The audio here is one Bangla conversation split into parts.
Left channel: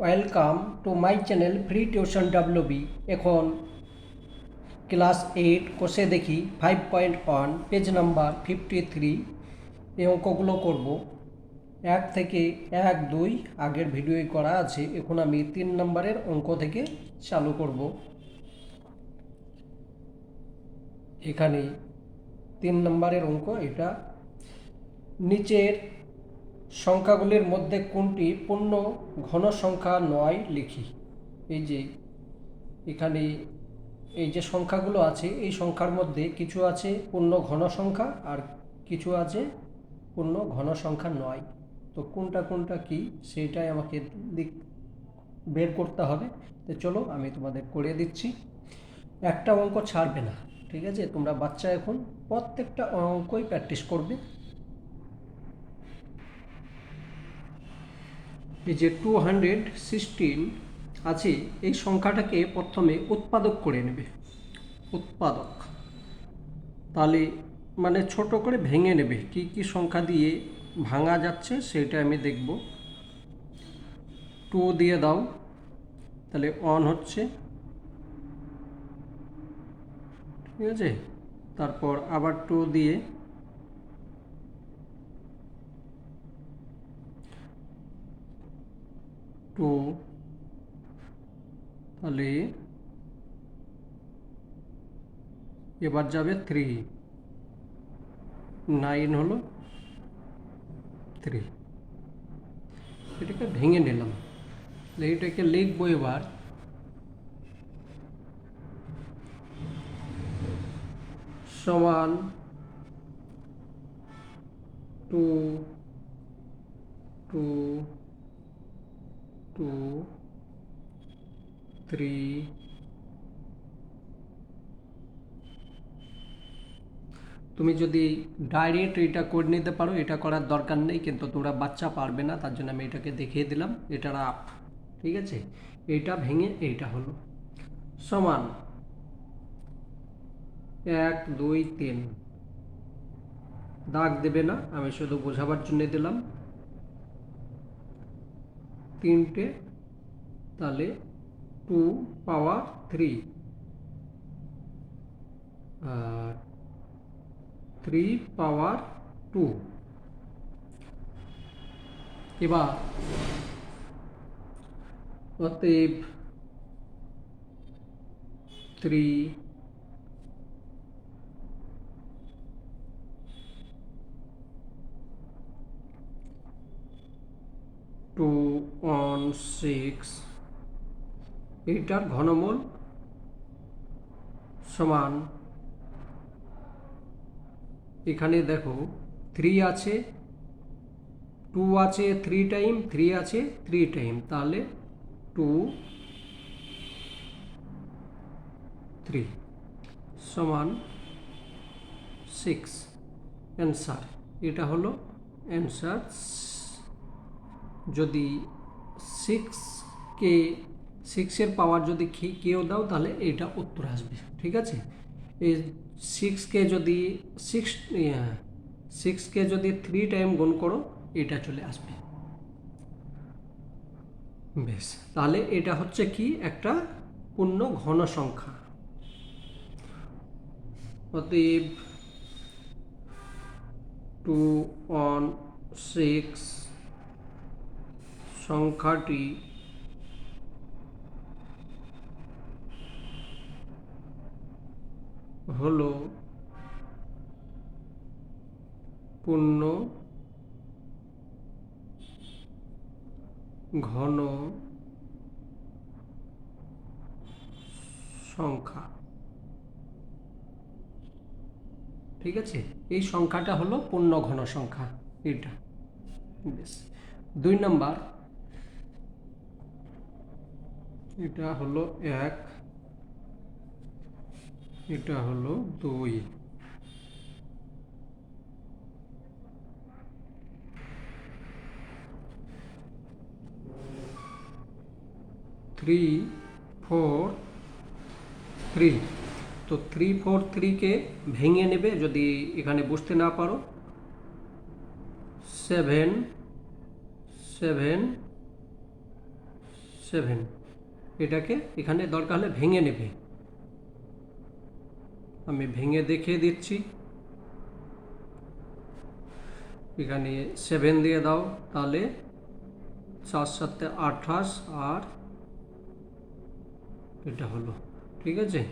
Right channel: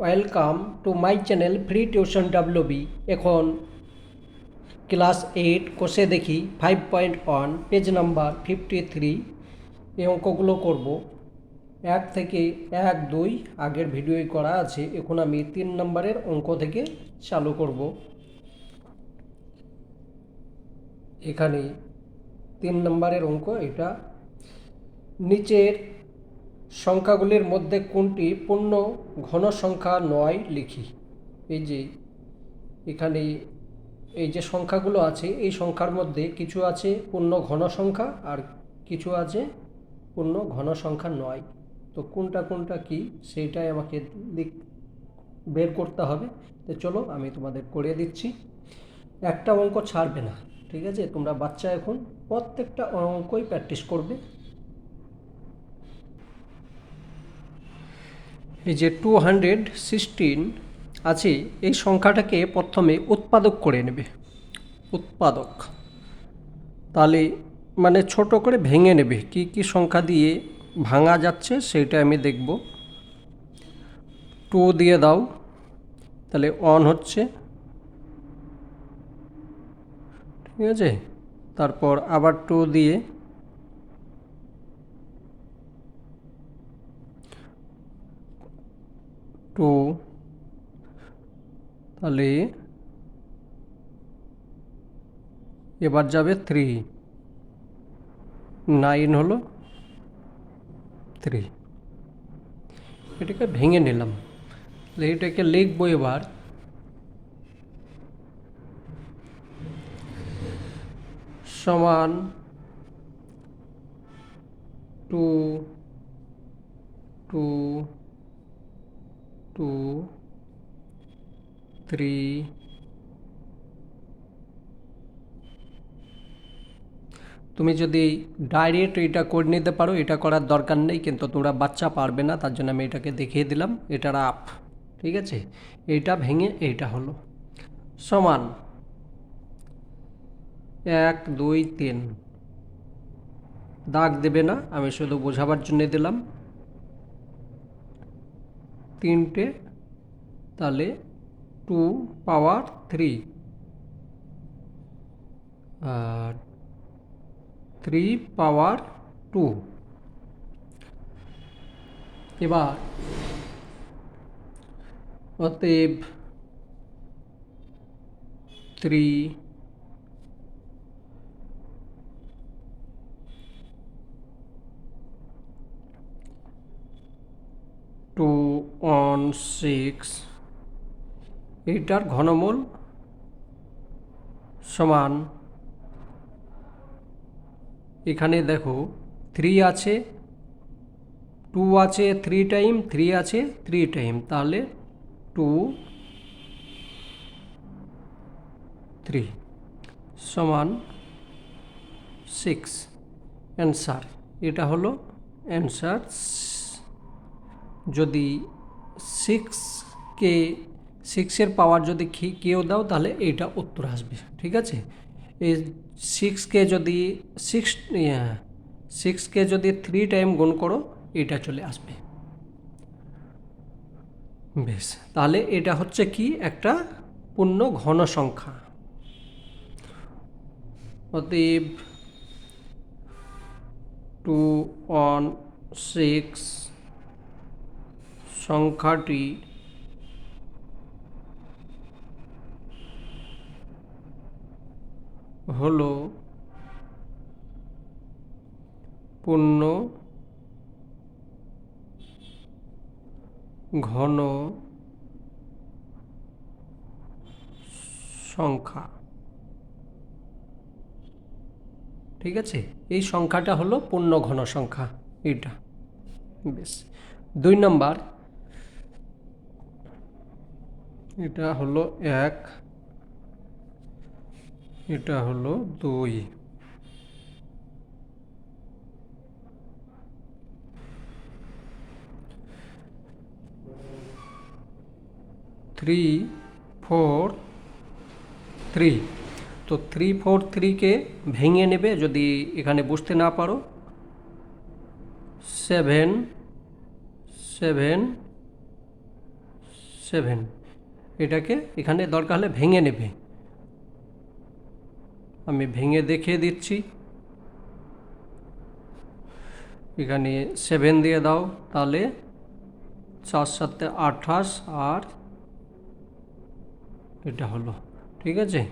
Welcome to my channel free tuition WB. এখন ক্লাস 8 কোষে দেখি 5.1 পেজ নাম্বার 53 এই অঙ্কগুলো করব। 1 থেকে 1, 2 আগের ভিডিওই করা আছে। এখন আমি 3 নম্বরের অঙ্ক থেকে চালু করব। এখানে 3 নম্বরের অঙ্ক এটা। নিচের সংখ্যাগুলির মধ্যে কোনটি পূর্ণ ঘন সংখ্যা নয় লিখি। এই যে এখানে এই যে সংখ্যাগুলো আছে এই সংখ্যার মধ্যে কিছু আছে পূর্ণ ঘন সংখ্যা আর কিছু আছে পূর্ণ ঘন সংখ্যা নয়। তো কোনটা কোনটা কি সেইটাই আমাকে বের করতে হবে। তো চলো আমি তোমাদের করে দিচ্ছি। একটা অঙ্ক ছাড়বে না, ঠিক আছে? তোমরা বাচ্চা এখন প্রত্যেকটা অঙ্কই প্র্যাকটিস করবে। এই যে 216 আছে এই সংখ্যাটাকে প্রথমে উৎপাদক করে নেবে। উৎপাদক তাহলে মানে ছোট করে ভেঙে নেবে, কি কি সংখ্যা দিয়ে ভাঙা যাচ্ছে সেটা আমি দেখব। 2 দিয়ে দাও, তাহলে 1 হচ্ছে, ঠিক আছে? তারপর আবার 2 দিয়ে 2, তাহলে এবার যাবে 3, 9 হলো 3। এটাকে ভেঙে নিলাম, এটাকে লিখবো এবার। সমান 2, 2, 2, 3, তুমি যদি ডাইরেক্ট এটা করে নিতে পারো, এটা করার দরকার নেই, কিন্তু তোমরা বাচ্চা পারবে না, তার জন্য আমি এটাকে দেখিয়ে দিলাম। এটার আপ, ঠিক আছে? এইটা ভেঙে এইটা হলো সমান 1, 2, 3। দাগ দেবে না, আমি শুধু বোঝাবার জন্য দিলাম। 3টে, তাহলে 2 পাওয়ার 3 আর 3 পাওয়ার 2। এবার অতএব 3, 2, 1, 6 এইটার ঘনমূল সমান, এখানে দেখো 3 আছে, 2 আছে 3 টাইম, 3 আছে 3 টাইম, তাহলে 2, 3 সমান 6 অ্যান্সার। এটা হলো অ্যান্সার। যদি 6কে 6-এর পাওয়ার যদি কেউ দাও তাহলে এইটা উত্তর আসবে, ঠিক আছে? এই 6কে যদি 6কে যদি 3 টাইম গুণ করো এটা চলে আসবে। বেশ, তাহলে এটা হচ্ছে কি একটা পূর্ণ ঘন সংখ্যা। অতএব 2, 1, 6 সংখ্যাটি হলো পূর্ণ ঘন সংখ্যা, ঠিক আছে? এই সংখ্যাটা হলো পূর্ণ ঘন সংখ্যা এটা। বেশ, 2 নম্বর, এটা হলো 1, এটা হলো 2। 3, 4, 3। তো 3, 4, 3কে ভেঙে নেবে যদি এখানে বুঝতে না পারো। 7, 7, 7, এটাকে এখানে দরকার হলে ভেঙে নেবে, আমি ভেঙে দেখিয়ে দিচ্ছি। এখানে 7 দিয়ে দাও, তাহলে 4 7 28 আর এটা হলো, ঠিক আছে।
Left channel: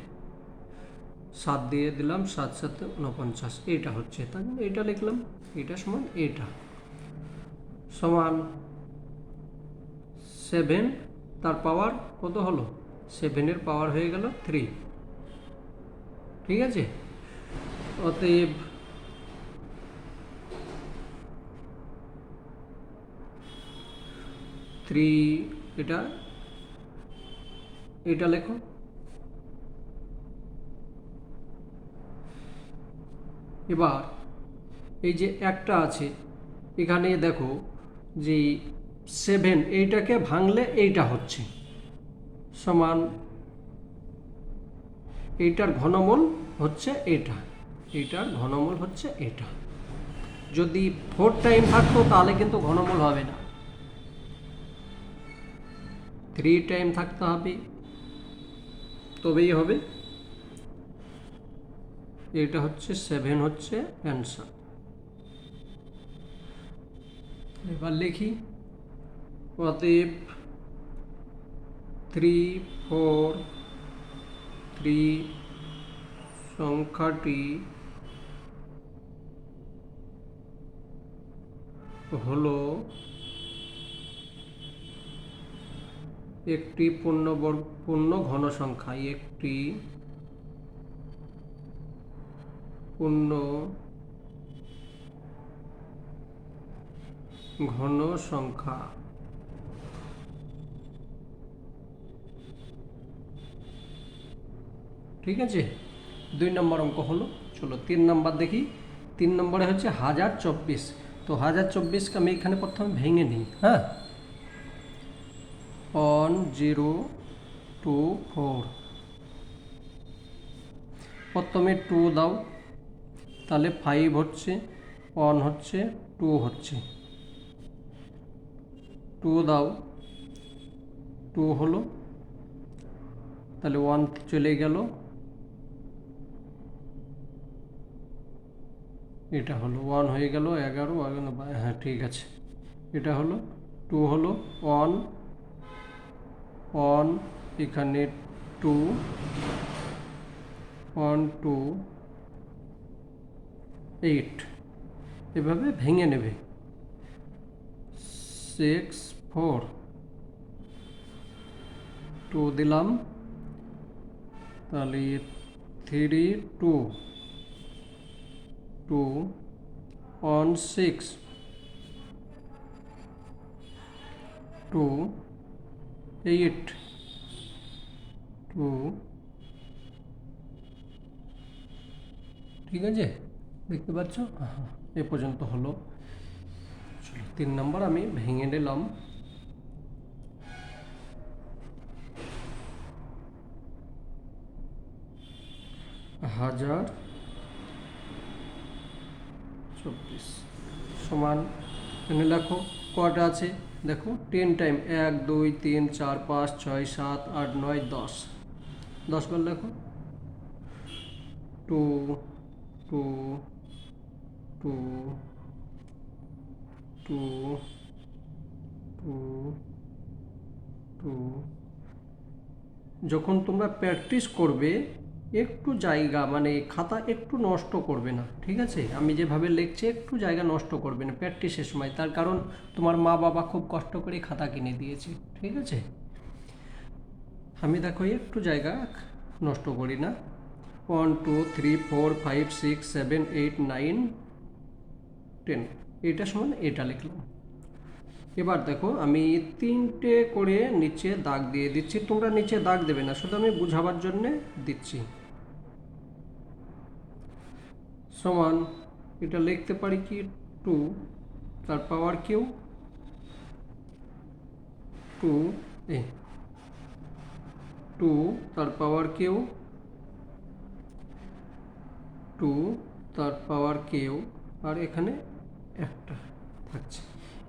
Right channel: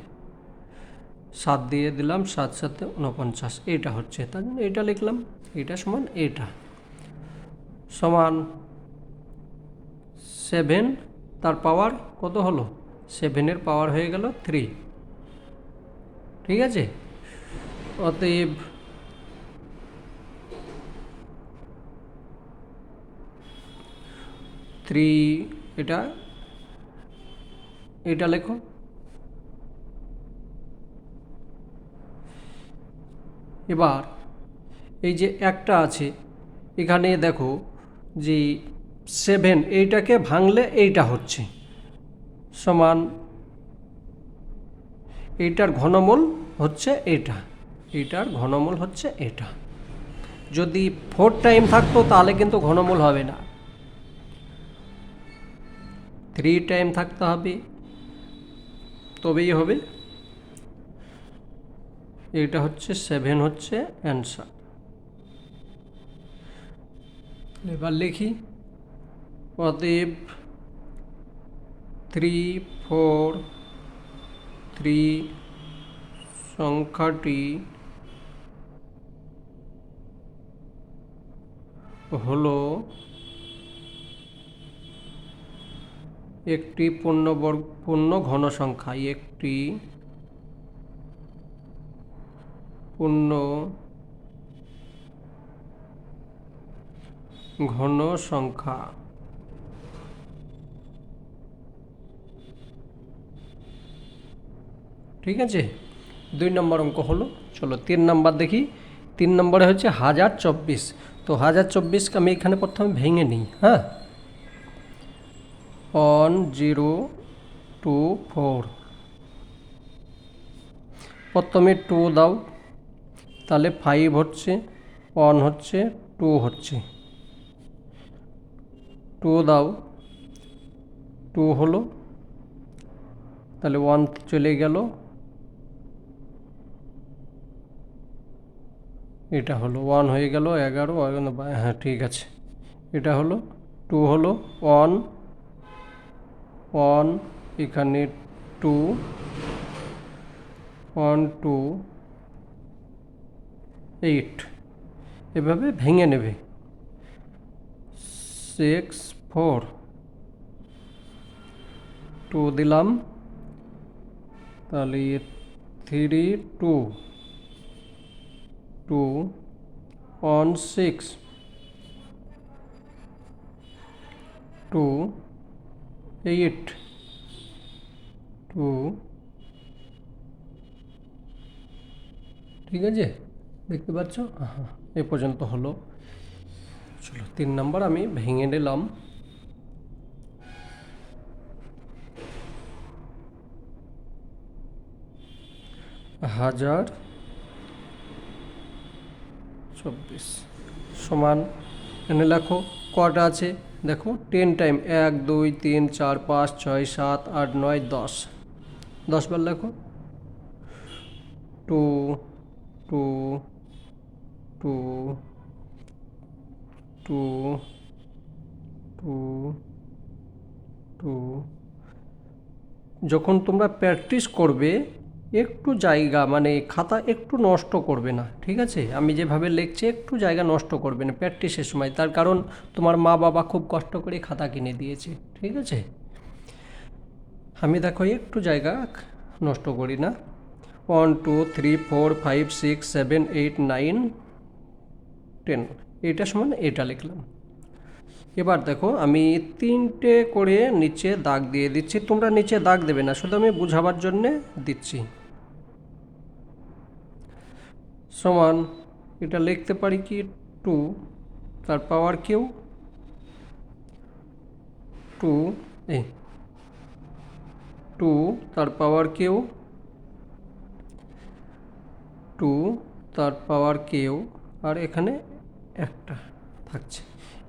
7 দিয়ে দিলাম, 7 7 49, এটা হচ্ছে, তাই জন্য এটা লিখলাম। এটা সমান এটা সমান 7, তার পাওয়ার কত হলো, 7-এর পাওয়ার হয়ে গেল 3, ঠিক আছে। অতএব থ্রি, এটা এটা লেখো। এবার এই যে একটা আছে এখানে দেখো যে 7, এইটাকে ভাঙলে এইটা হচ্ছে সমান, এইটার ঘনমূল হচ্ছে এটা, এইটার ঘনমূল হচ্ছে এটা। যদি 4 টাইম থাকতো তাহলে কিন্তু ঘনমূল হবে না, 3 টাইম থাকতে হবে, তবেই হবে। এটা হচ্ছে 7 হচ্ছে অ্যান্সার। এবার লিখি, অতএব 3 4 3 সংখ্যাটি হলো একটি পূর্ণ ঘন সংখ্যা, একটি পূর্ণ ঘন সংখ্যা। ঠিক আছে, 2 নম্বর অঙ্ক হলো। চলো 3 নম্বর দেখি। 3 নম্বরে হচ্ছে 1024। তো 1024কে আমি এখানে প্রথমে ভেঙে নিই। হ্যাঁ, 1 0 2 4, প্রথমে 2 দাও, তাহলে 5 হচ্ছে, 1 হচ্ছে, 2 হচ্ছে, 2 দাও, 2 হলো, তাহলে 1 চলে গেল, এটা হলো 1 হয়ে গেল, 11, হ্যাঁ ঠিক আছে, এটা হলো 2 হলো, 1 1 এখানে 2 1 2 8, এভাবে ভেঙে নেবে। 6 4 2 দিলাম, তাহলে 3 2 2 1 6 2 8 2, ঠিক আছে, দেখতে পাচ্ছ? হ্যাঁ, এ পর্যন্ত হলো। চলো 3 নম্বর আমি ভেঙে নিলাম। হাজার 24 সমান, এখানে লেখো কটা আছে দেখো, 10 টাইম, 1 2 3 4 5 6 7 8 9 10, 10 বার লেখো। 2 2 2 2 2 2। যখন তোমরা প্র্যাকটিস করবে একটু জায়গা মানে খাতা একটু নষ্ট করবে না, ঠিক আছে। আমি যেভাবে লিখছি একটু জায়গা নষ্ট করবে না প্র্যাকটিসের সময়, তার কারণ তোমার মা বাবা খুব কষ্ট করে খাতা কিনে দিয়েছে, ঠিক আছে। আমি দেখো একটু জায়গা নষ্ট করি না। 1 2 3 4 5 6 7 8 9 10, এটা সমান এটা লিখলাম। এবার দেখো আমি 3টে করে নিচে দাগ দিয়ে দিচ্ছি, তোমরা নিচে দাগ দেবে না, শুধু আমি বোঝাবার জন্যে দিচ্ছি। সমান, এটা লিখতে পারি কি 2 তার পাওয়ার কিউ, 2 এই 2 তার পাওয়ার কিউ, 2 তার পাওয়ার কিউ, আর এখানে একটা থাকছে।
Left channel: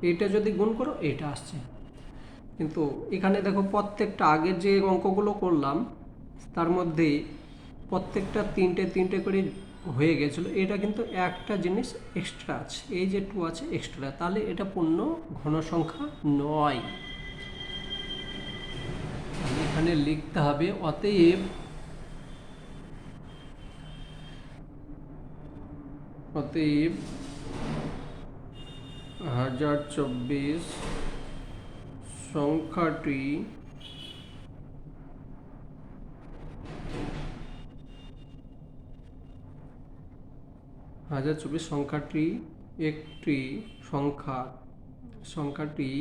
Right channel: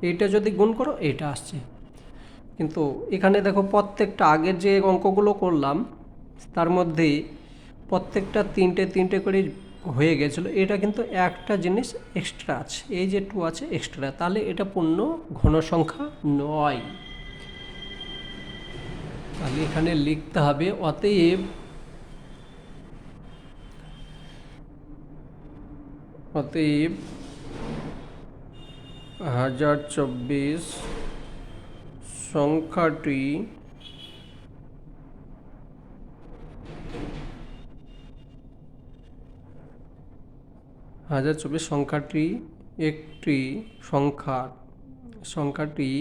এইটা যদি গুণ করো এইটা আসছে, কিন্তু এখানে দেখো প্রত্যেকটা আগের যে অঙ্কগুলো করলাম তার মধ্যে প্রত্যেকটা তিনটে তিনটে করে হয়ে গেছিলো, এটা কিন্তু একটা জিনিস এক্সট্রা আছে, এই যে 2 আছে এক্সট্রা, তাহলে এটা পূর্ণ ঘন সংখ্যা নয়। তাহলে এখানে লিখতে হবে অতএব 1024 সংখ্যাটি একটি সংখ্যাটি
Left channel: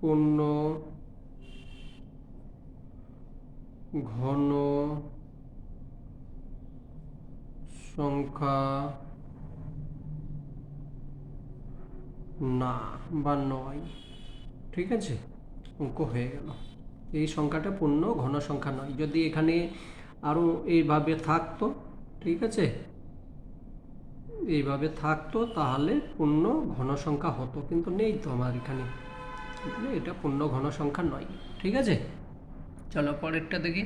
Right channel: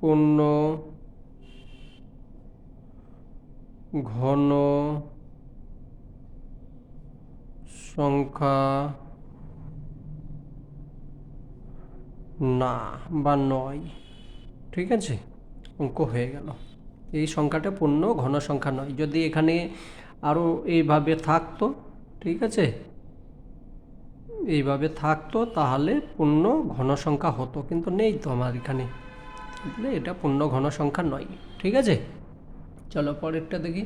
পূর্ণ ঘন সংখ্যা না বা নয়। ঠিক আছে, অঙ্ক হয়ে গেল। এই সংখ্যাটা পূর্ণ ঘন সংখ্যা নয়। যদি এখানে আরও এইভাবে থাকতো, ঠিক আছে, এইভাবে থাকতো তাহলে পূর্ণ ঘন সংখ্যা হতো, কিন্তু নেই তো আমার এখানে, এটা পূর্ণ ঘন সংখ্যা নয়। ঠিক আছে, চলো পরেরটা দেখি।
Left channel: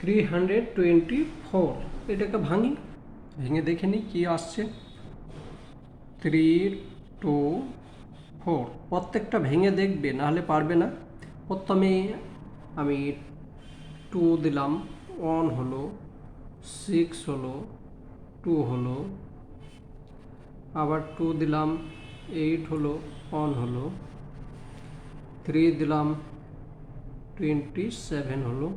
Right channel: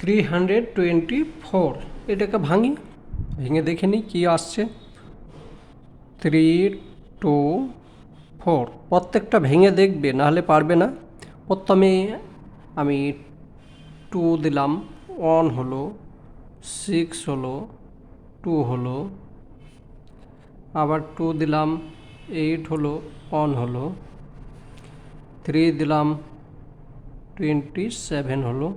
324, এটাকে ভেঙে দেখে নিই কী আসছে। 3, 2, 4, প্রত্যেকটা ভেঙে দেখবে, নাহলে পারবে না। প্রথমে আমি 2 দিলাম, 1 হলো, 6 হলো, 2 হলো, আবার 2 দিলাম, 8 হলো, 1 হলো, 3 দিলাম, 27 হলো,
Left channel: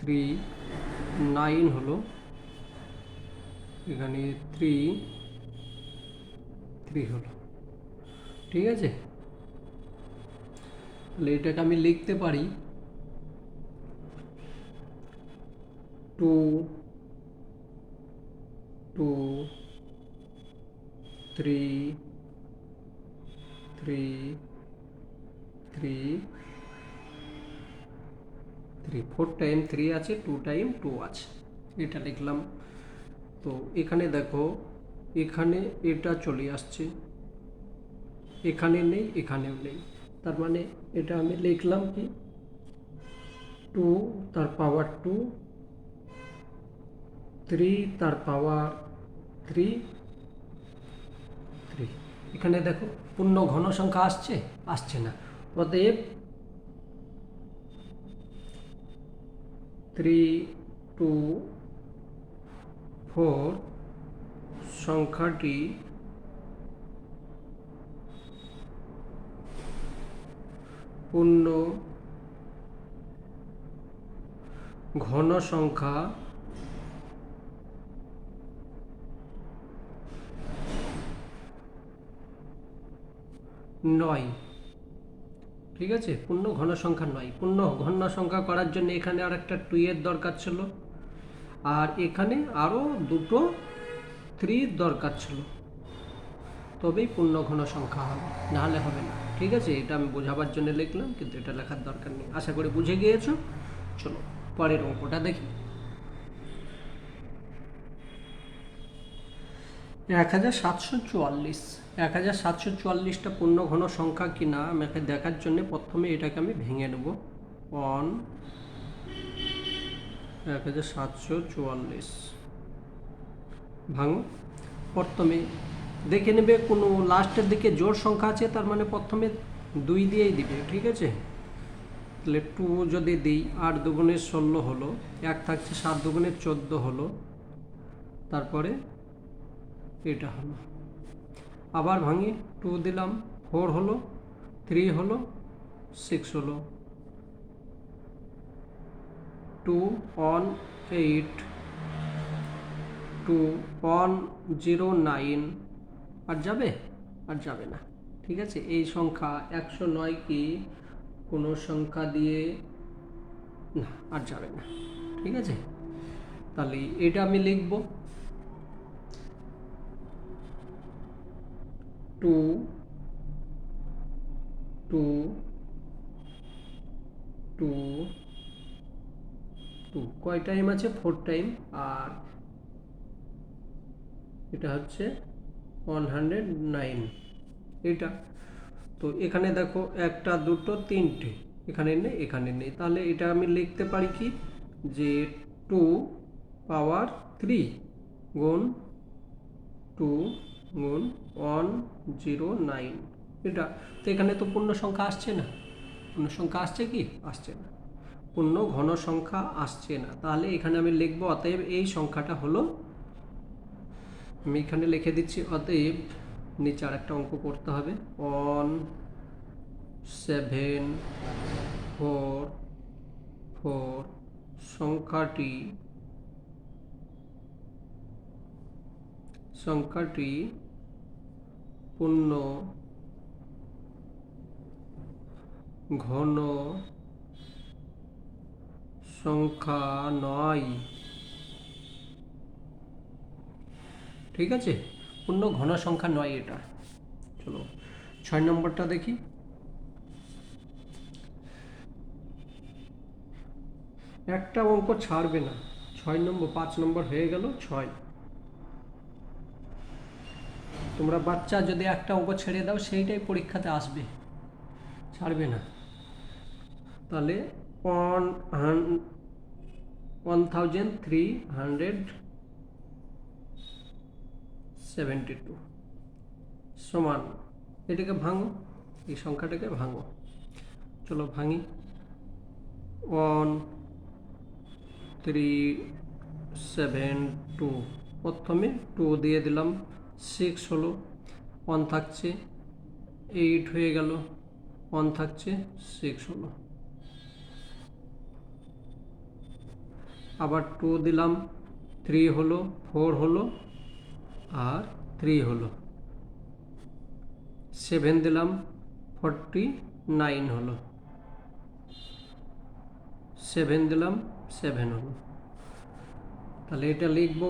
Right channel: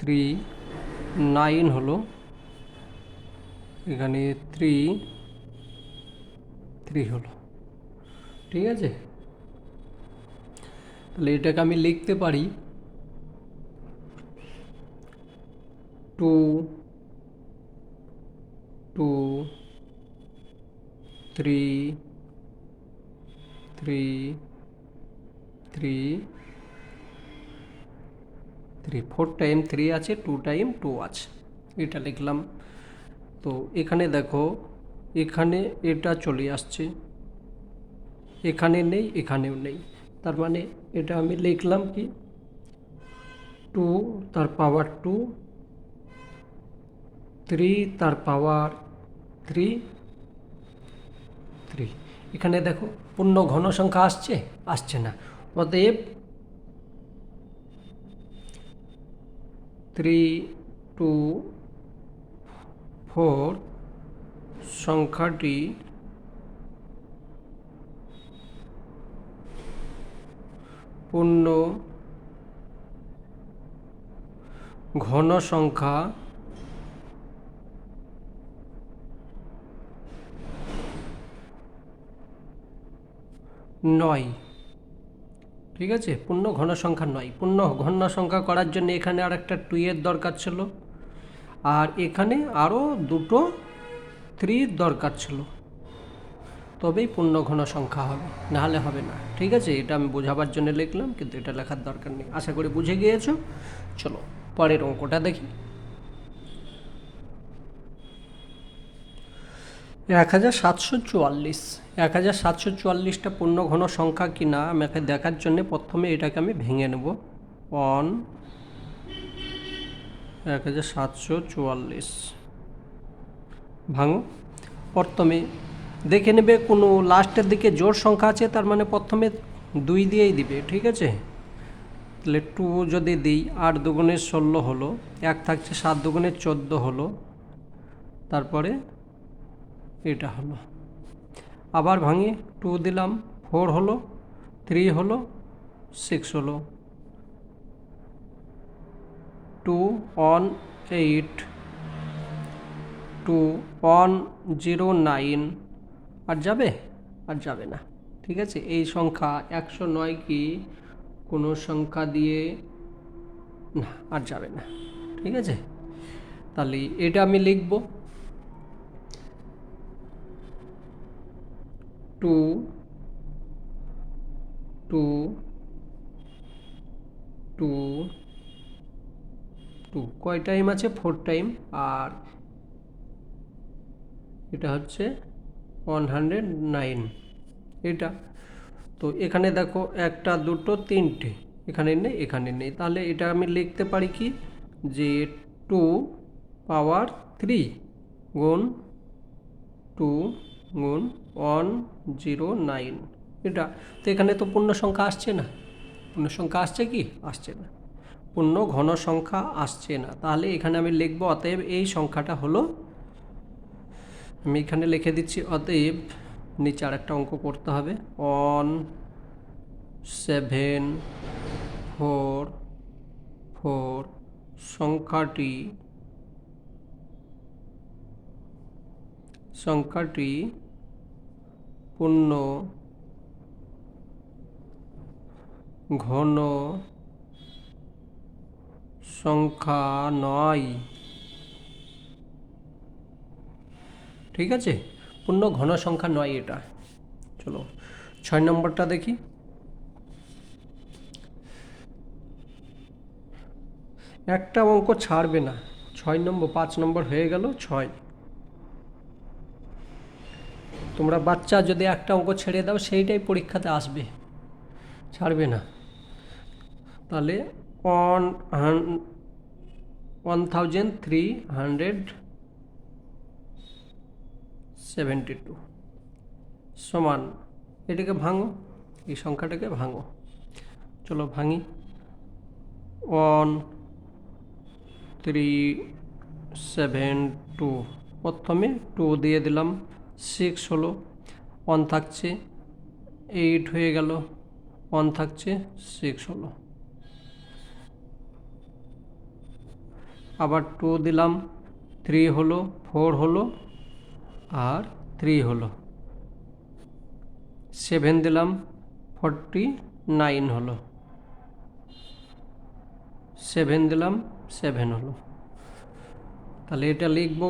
3, 9 হলো, এখানে 3 হলো। ঠিক আছে, তাহলে এটাকে আমি লিখতে পারি 2, 2, 3, 3, 3, 3, 4 টাইম 3 আছে, 2 টাইম 2 আছে, এটা লিখলাম। তো এখানে দেখো, এখানে এটা চলে আসছে, এখানে নেই, এখানেও নেই, তার মানে এটা আমি লিখলাম কি 2 তার পাওয়ার 2, 3 তার পাওয়ার 3, 3। এখানে দেখো পূর্ণ ঘন সংখ্যা আসছে না, অতএব 3, 2, 4 সংখ্যাটি পূর্ণ ঘন সংখ্যা নয়। ঠিক আছে, পূর্ণ ঘন সংখ্যা নয়। পূর্ণ ঘন সংখ্যা করার জন্য এখানে আর একটা 2 এর দরকার ছিল, আর এখানে আরও দুটো 3 দরকার ছিল, তবেই পূর্ণ ঘন সংখ্যা হবে, নাহলে হবে না। ঠিক আছে, এটা আমি বোঝাবার জন্য লিখলাম, কিন্তু এটা লেখার দরকার নেই। আশা করি বুঝে গিয়েছো। চলো পরের অঙ্কটা দেখি। 1744, 1744টা পূর্ণ ঘন সংখ্যা কি না আমাকে দেখার জন্য প্রথমে এটাকে আমি ভেঙে নেব। 1744 ভাঙো। প্রথমে দেখে নেবে কোনো লাস্টের দিকে জোড় সংখ্যা আছে, তার মানে প্রথমে 2 দিয়েই দিবে। ঠিক আছে, তাহলে 2 যদি দিই, 8 দুগুণে 16 হলো, 1 থাকছে, 7 দুগুণে 14 হলো, তারপরে এটা হলো। আবার ভাঙি, 2 দিলাম, 4 হলো, 3 হলো, 6 হলো, 2, 1, 8, 2, 1, 0, 9, আর যাবে না। ঠিক আছে, এই সংখ্যা 109 কি কোনো সংখ্যা দিয়ে না, আর যাবে না। ঠিক আছে, তাহলে এটা আমি লিখব 2, 2, 2, 2 কয় টাইম আছে? 4 টাইম, আর এটা হচ্ছে 109 এটা। তো এখানে দেখো একটা দুটো তিনটে, এখানে নেই এখানে নেই, তাহলে এটা আমি লিখতে পারি কি যে 2 পাওয়ার 3 গুণ 109 এটা। তো এখানে তো পূর্ণ সংখ্যা আসছে না, পূর্ণ সংখ্যা আসছে কি, আসছে না, পূর্ণ ঘন সংখ্যা আসছে না। তাহলে এখানে আমি লিখব অতএব এই সংখ্যাটা হলো, আমি এখানে লিখে দিচ্ছি অতএব, নিচে আর একটা অঙ্ক করতে হবে, 1744 সংখ্যাটি পূর্ণ ঘন সংখ্যা নয়। ঠিক আছে, পূর্ণ ঘন সংখ্যা নয় এটা। চলো 6 নম্বরটা দেখি। একটা অঙ্ক ছাড়বে না, 6 নম্বর, 5 নম্বর হয়ে গেল 6। তোমরা বাচ্চা যদি একটা অঙ্ক ছেড়ে দাও সেইটাই পরীক্ষাতে আসবে, ছাড়বে না। তাহলে 1372 সমান, এটাকে ভাঙো, এই সংখ্যাটাকে ভাঙো। চলো ভাঙি। 1372, প্রথমে 2 দিয়ে দিলাম, 6 হলো, 1 থাকছে, 8 হয়ে গেল, 1 থাকছে, 6 হলো। আবার 2 দিলাম, 3 হলো, 4 হলো, আর 3 হলো। 7 দিলাম, 49 হলো, 7 দিলাম, 7 হলো। তাহলে এটা লিখব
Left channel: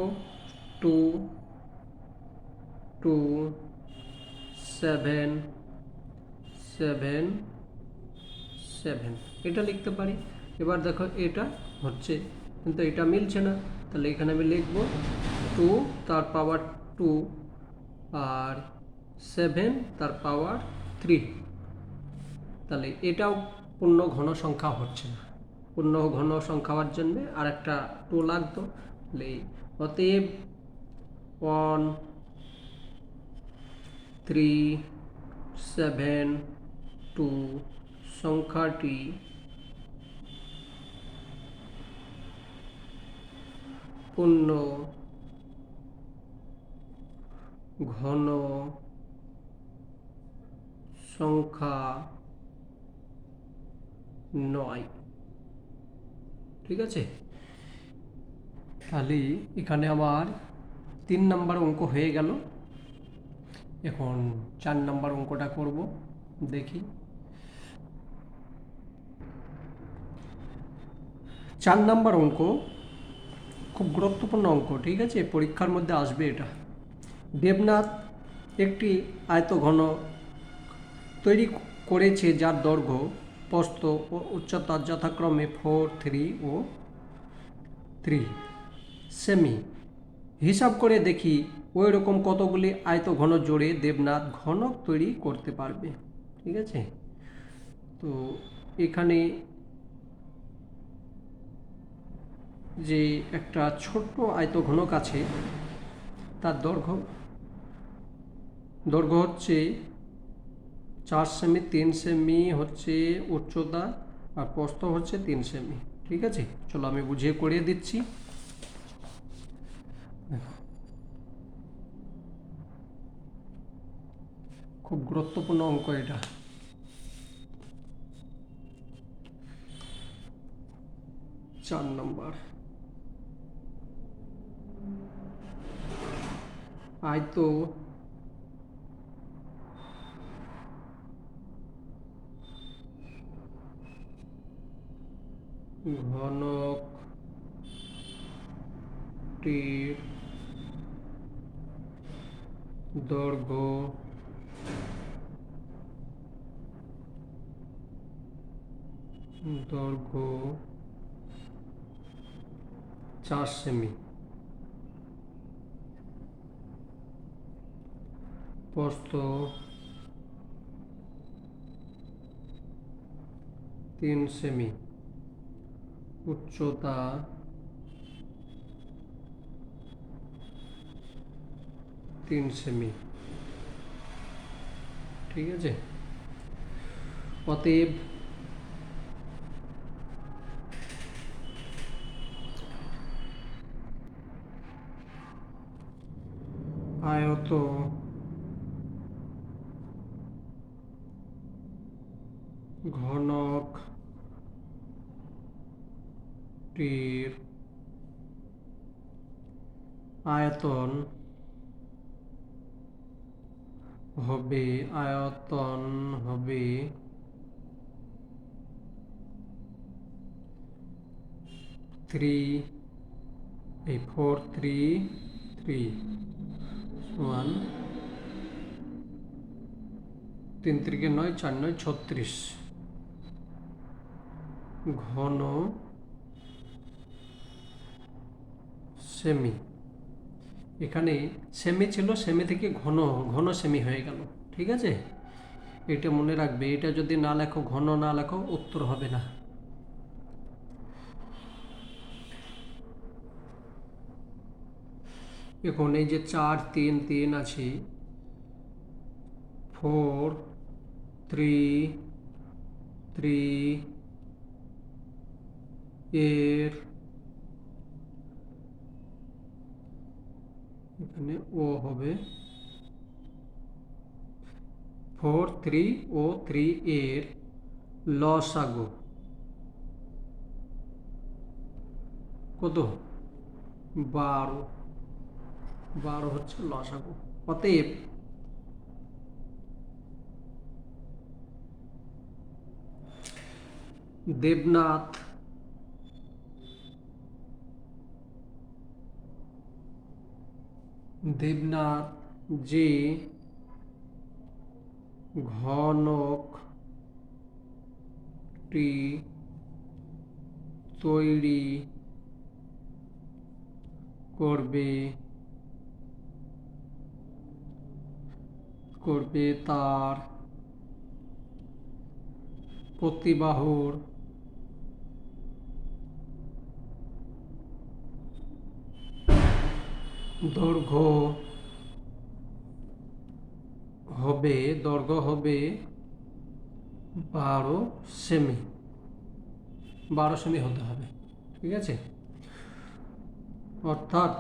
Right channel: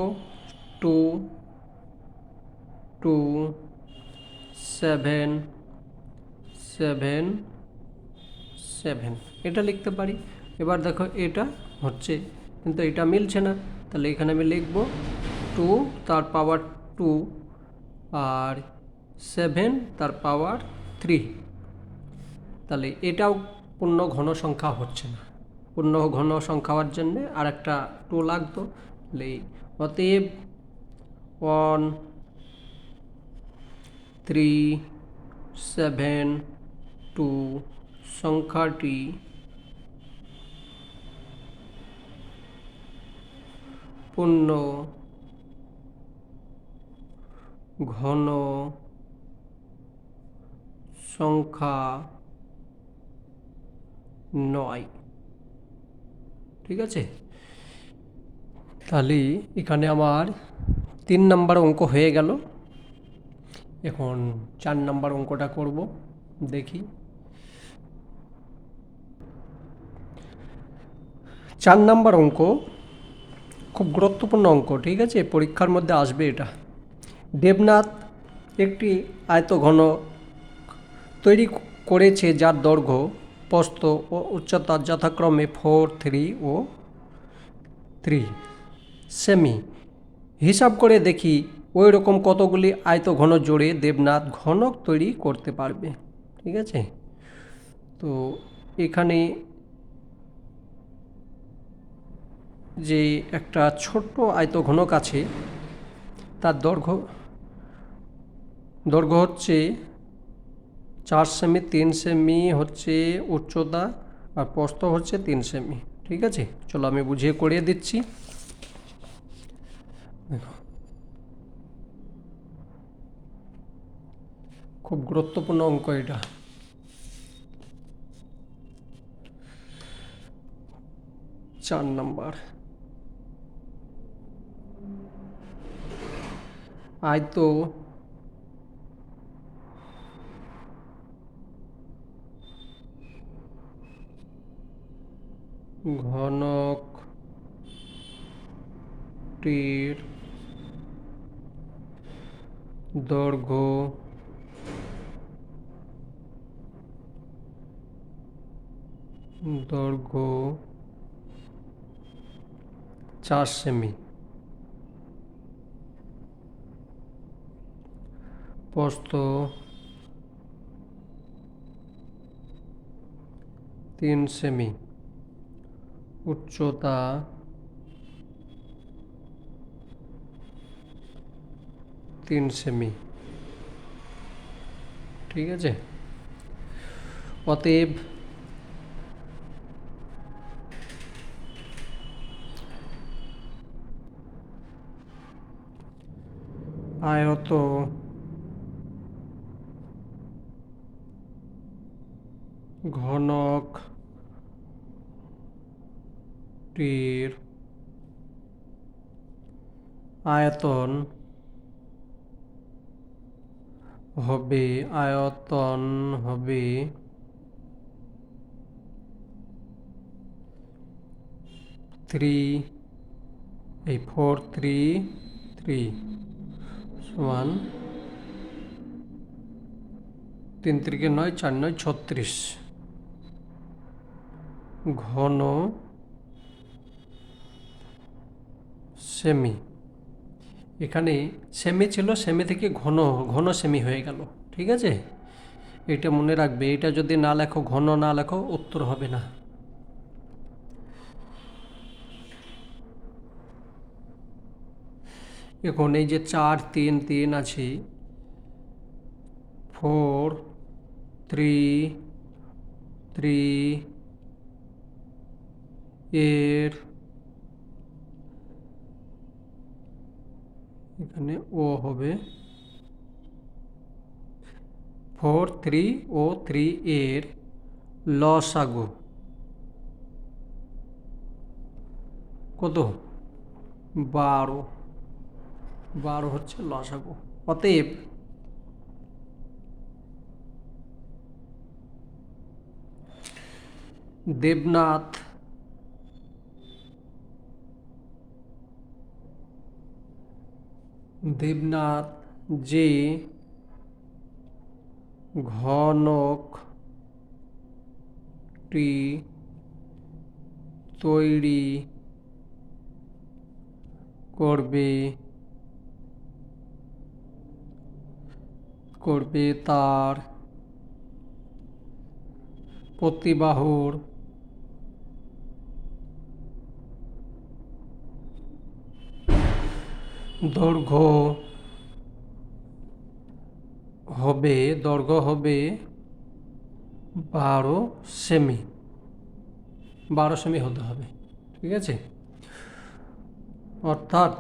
2 2 7 7 7, এটা লিখতে পারি। এবার দেখো এটা হচ্ছে, কিন্তু এটা মিলছে না, তাহলে এখানে আমি লিখব 2 তার পাওয়ার 2 আর 7 তার পাওয়ার 3। তাহলে এটাও পূর্ণ ঘন সংখ্যা হচ্ছে না, পূর্ণ ঘন সংখ্যা হওয়ার জন্যে আর একটা 2 লাগতো। তাহলে অতএব 1372 সংখ্যাটি পূর্ণ ঘন সংখ্যা নয়। ঠিক আছে, তাহলে এখানে আমার 3 নম্বর অঙ্ক হয়ে গেল। এখন 4 নম্বর অঙ্কটা করব, দেখি। 4 নম্বর অঙ্ক খুব গুরুত্বপূর্ণ অঙ্ক, ঠিক আছে, পরীক্ষার মধ্যে আসবে এটা। দেবনাথ একটি আয়তঘন তৈরি করেছে যার দৈর্ঘ্য, প্রস্থ ও উচ্চতা যথাক্রমে 4, 3 ও 3 সেমি। হিসাব করে দেখি ওই রকম কতগুলি আয়তঘন জোড়ে দেবনাথ ঘনক তৈরি করতে পারবে। ঠিক আছে, তো এখানে যে একটা ছোট্ট আয়তঘনক আছে, তার দৈর্ঘ্য হচ্ছে 4 সেমি, 3 সেমি হচ্ছে উচ্চতা, আর প্রস্থ হচ্ছে 3 সেমি। ঠিক আছে, চলো আমি বুঝিয়ে করিয়ে দিচ্ছি। খুব গুরুত্বপূর্ণ অঙ্ক এটা। চার নম্বর, আয়ত ঘনকটির দৈর্ঘ্য 4 সেমি। প্রস্থ 3 সেমি, উচ্চতা 3 সেমি। ঠিক আছে, অতএব আয়ত ঘনকটির আয়তন হবে 433 সমান 3 3 9 4 9 36 ঘন সেমি। এখানে সেমি ছিল, সেমি থেকে ঘন ঘন সেমি হয়ে গেল। ঠিক আছে, এটা মনে রাখবে, এটা যদি না লেখো, ঘন না লেখো, উত্তর হবে না। এখন এই যে 4 3 3 আছে, 4 3 3 এর এখানে ও হবে 4 3 ও 3 এর লসাগু কত? 12 12 হচ্ছে লসাগু। অতএব দেবনাথ যে ঘনকটি তৈরি করবে তার প্রতিবাহুর দৈর্ঘ্য হবে 12 সেমি। 12 সেমি হতে হবে। ঠিক আছে, অর্থাৎ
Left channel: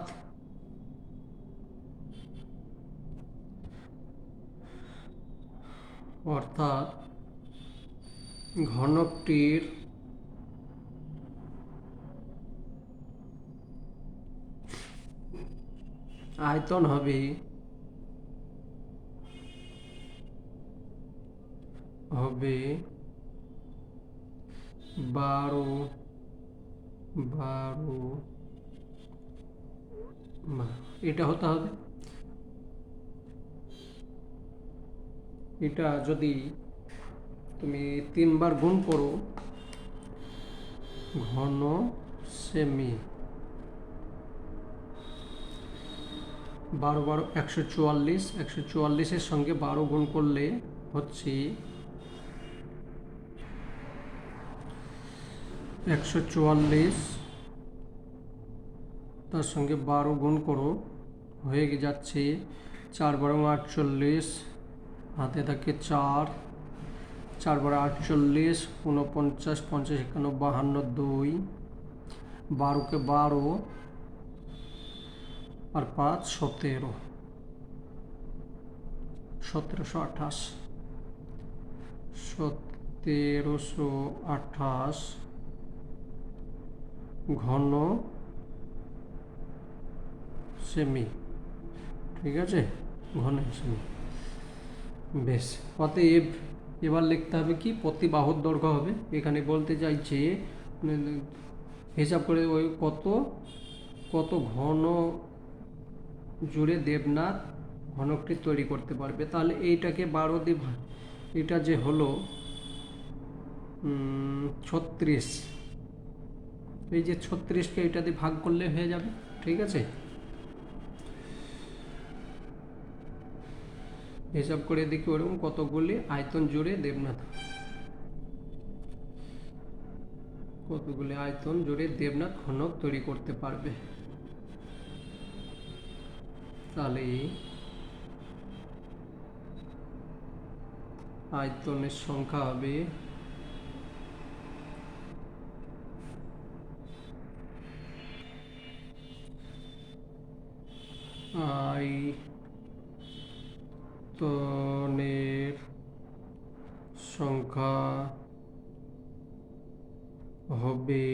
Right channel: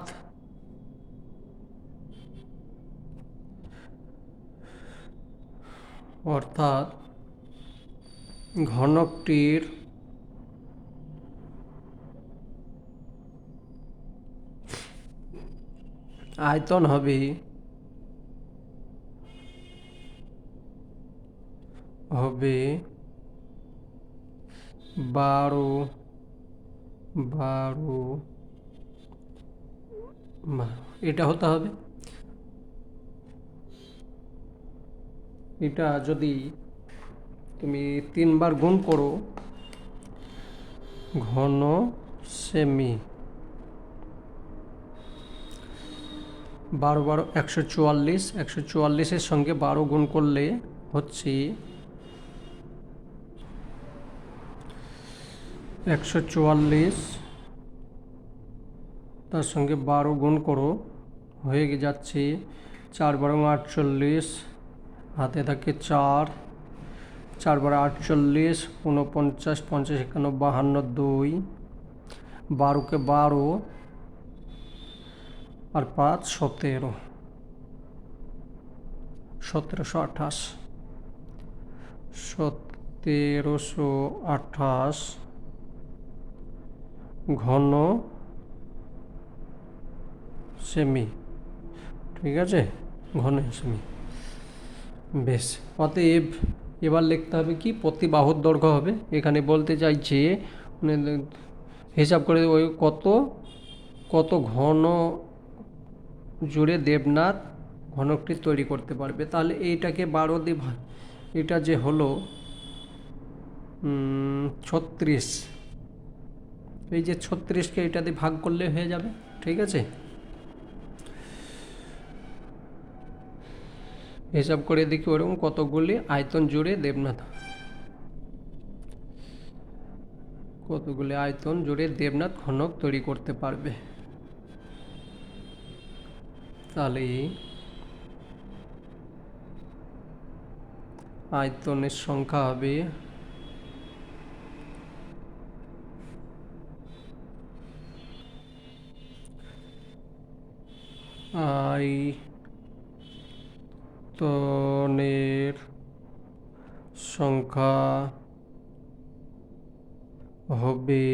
ঘনকটির আয়তন হবে 12 এটা হতে হবে। এটা যদি তুমি 3 বার গুণ করো, ঘন সেমি 12 12 144, 144-এর সঙ্গে 12 গুণ করলে হচ্ছে 144, তার সঙ্গে 12 গুণ করো, হয়ে যাচ্ছে 4 12 48, হাতে থাকে 4, 4 12 48, 49 50 51 52, 2, 12 কে 12 আর 5 17, 1728, 1728 ঘন সেমি। ঠিক আছে, ঘন সেমি। বেশ, অতএব এবার লিখতে হবে কি? প্রতিবাহুর দৈর্ঘ্য হবে। এখানে বলতে চাইছে মানে হিসাব করে ওই কত ঘন জুড়ে দেবনাথ ঘনকটি তৈরি করতে পারবে। তাহলে এইটাকে 12 দিয়ে ভাগ, এটা যে হলো 36, এই যে 36কে এটা দিয়ে ভাগ করলে হয়ে যাবে। ঠিক আছে, হিসাব করে দেখি ওরকম কতগুলি আয়তন জুড়ে দেবনাথ ঘনক তৈরি করতে পারবে। তাহলে আয়তনের সংখ্যা হবে আয়তনের সংখ্যা হবে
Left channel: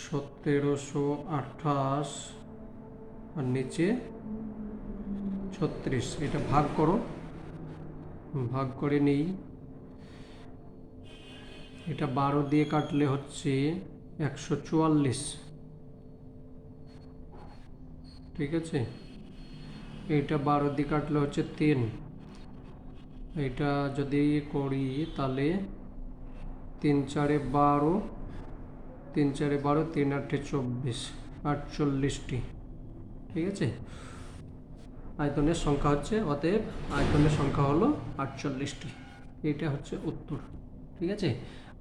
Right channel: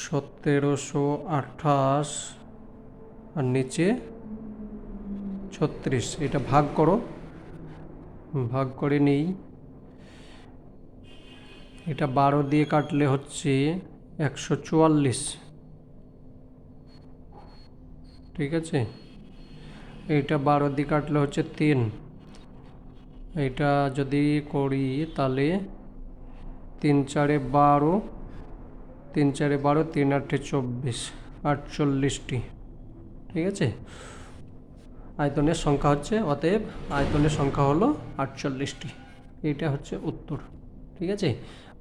1728 আর নিচে 36। এটা ভাগ করো, ভাগ করে নেই। এটা 12 দিয়ে কাটলে হচ্ছে 144, ঠিক আছে। এইটা 12 দিয়ে কাটলে হচ্ছে 3। এটা যদি করি তাহলে 3 4 12, 3 4 12, 3 8 24, 48টি, ঠিক আছে। আয়তনের সংখ্যা হচ্ছে, অতএব আয়তনের সংখ্যা হলো 48টি। এটা হচ্ছে উত্তর, ঠিক আছে।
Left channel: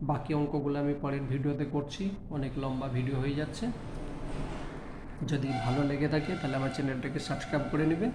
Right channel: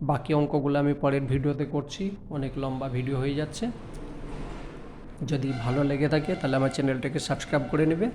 বাকি অঙ্কগুলো আমি পরের ভিডিওতে করছি, অনেক লম্বা ভিডিও হয়ে যাচ্ছে। যদি ভালো লেগে থাকে তাহলে আমার চ্যানেলটাকে সাবস্ক্রাইব করে নেবে।